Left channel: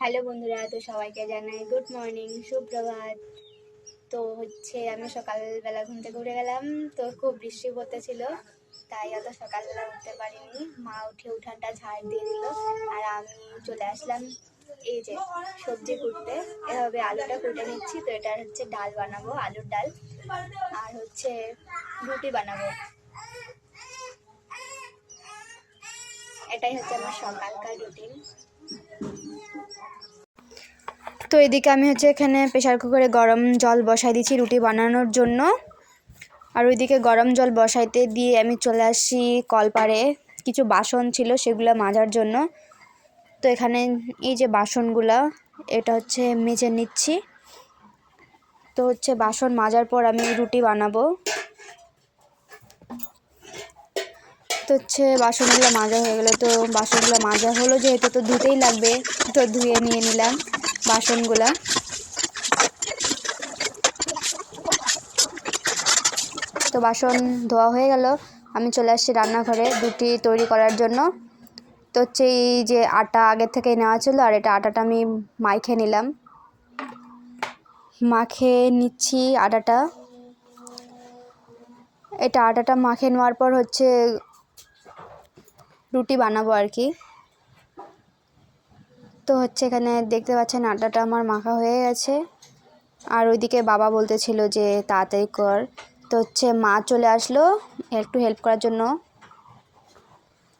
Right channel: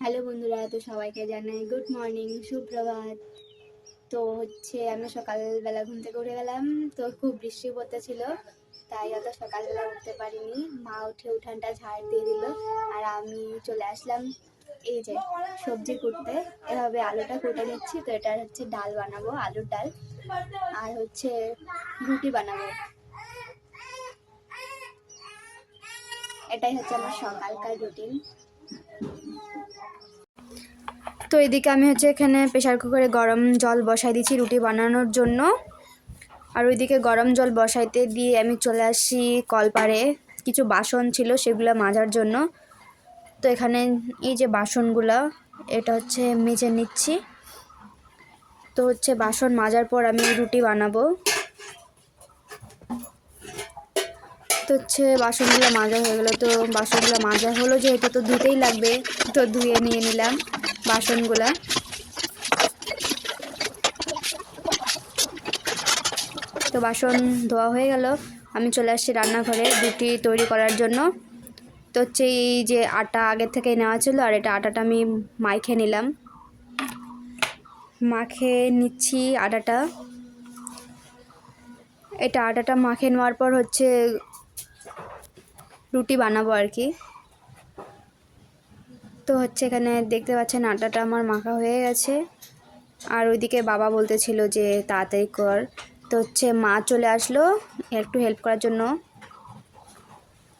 Hello বন্ধুরা, তো সবাইকে জানাই গুড মর্নিং, সুপ্রভাত। তো আমি সকালবেলা ঘুম থেকে উঠে গেলাম। তো খুব বৃষ্টি পড়তেছিল, তাই অত সকালবেলা উঠতে পারিনি। মা উঠে উঠানটা ঝাড় দিয়ে দিল, আর আমি চলে আসলাম এই যে সবজি কুটতে। এভাবে আলুটা কুটে নিচ্ছি। তো এটা ডাল বানাবো, আলুর ডাল, আর রুটি বানাবো। এটাই আমার সকালকার রুটিন। তো এদিকে আমি এখানে প্রেশার কুকারে গরম জল বসাই দিচ্ছি রুটি বানানোর জন্য। আর ওইদিকে গরম জল বসাইতে দিয়ে আমি চলে আসি কলপাড়ে। কিছু বাসন ছিল, সেগুলো মাজার জন্য। তো এখানে এই যে বাসনগুলা, এটা মেজে নিচ্ছি। তো বাসন মাজার পর আমি রুটি বানাবো। তো বাসনগুলো মাজা হয়ে গেলো। তো বাসনগুলো মাজা হলো যেহেতু, তো ধুতেই লাগবে। তো ধুয়ে নিয়ে নিলাম বাসনগুলা। তো বাসন ধোয়া হয়ে গেল, আমি চলে আসছি রান্নাঘরে রুটি তৈরি করার জন্য। তো এই যে আটা আগের থেকে নেওয়া ছিল, আর আটাটা আমি মাখে নিলাম। মাখে নিচ্ছি আটাটা। আটাটা মাখে নেওয়ার পর রুটি বানাবো আর কি। তো এখানে দেখতে পাচ্ছেন আটাটা আমার মাখা হয়ে গেছে। আর ওইদিকে বাবা বলতেছিল যে তাড়াতাড়ি কর। তো মা চলে আসলো একটু হেল্প করার জন্য।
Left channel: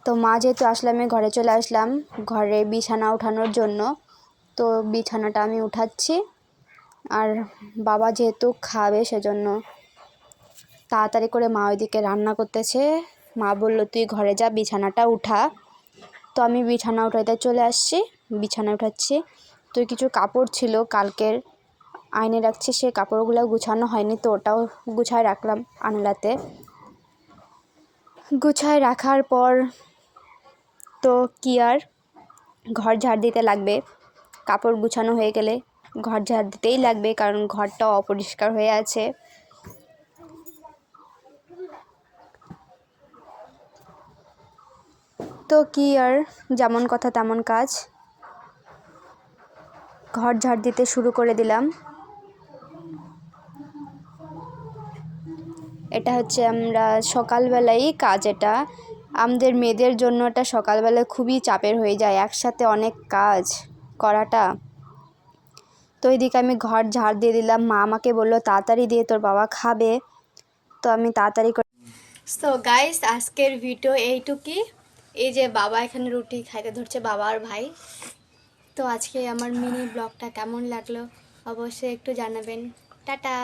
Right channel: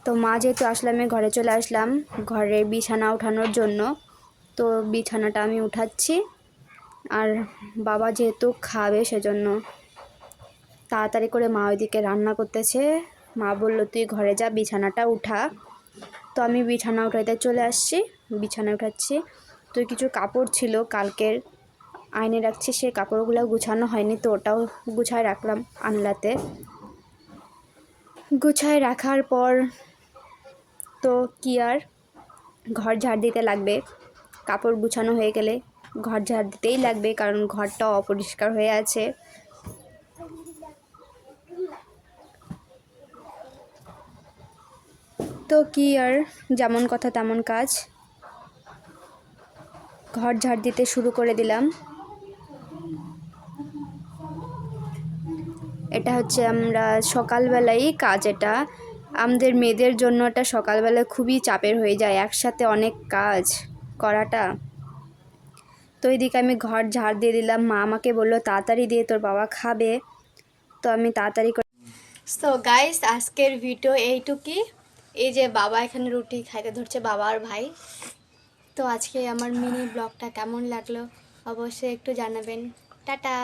তো মা যেহেতু আসলে আমি ঘরে চলে আসলাম ঘরে বিছানা উঠানোর জন্য। তো বিছানাটা আমি উঠাচ্ছি। আর বাবা যেহেতু খাবে, সেজন্য তাড়াতাড়ি করে মা ওইদিকে রান্না করতেছে। মা বলল তুই ঘরে যা, বিছানাটা উঠা। তো আমি বিছানা উঠাইতে চলে আসছি, বিছানা উঠাচ্ছি। তো কিছু কাপড় ছিল কালকের, আয়নে রাখছি। সেই কাপড়গুলো গুছানো হয়নি, তো ওটাও গুছায় রাখলাম আনলাতে। গুছায় রাখার পর তো কি আর, ঘর ঝাড় দিতে লাগবে। কাপড় গুছানো হয়ে গেলে ঘর ঝাড় দিতেই লাগবে, কারণ ঘরটা অপরিষ্কার হয়ে আছে। তো কি আর, যেমন কথা তেমন কাজ। ঘর ঝাড় দিতে শুরু করে দিলাম। এটা আমরা সকালবেলাই কাজ। এটা আমাদের মেয়েদের জন্য এটা সকালবেলায় খুবই চাপের হয়ে যায়, একসাথে অনেক কাজ করাটা। তো এইদিকে আমি ঘর ঝাড় দিয়ে দিলাম। মা আমাকে বললো তাড়াতাড়ি দিয়ে, তোর বাবা খাবে। তো আমি তাড়াতাড়ি করে। সো গাইস, আজকের ভিডিও এইটুকুই। এই যে বাবা এখানে রুটি খাইতে ধরছে, বাবা আর ভাই। তো আজকে আমার মিনি ব্লগটা কেমন লাগলো অবশ্যই একটু জানাবেন। টাটা।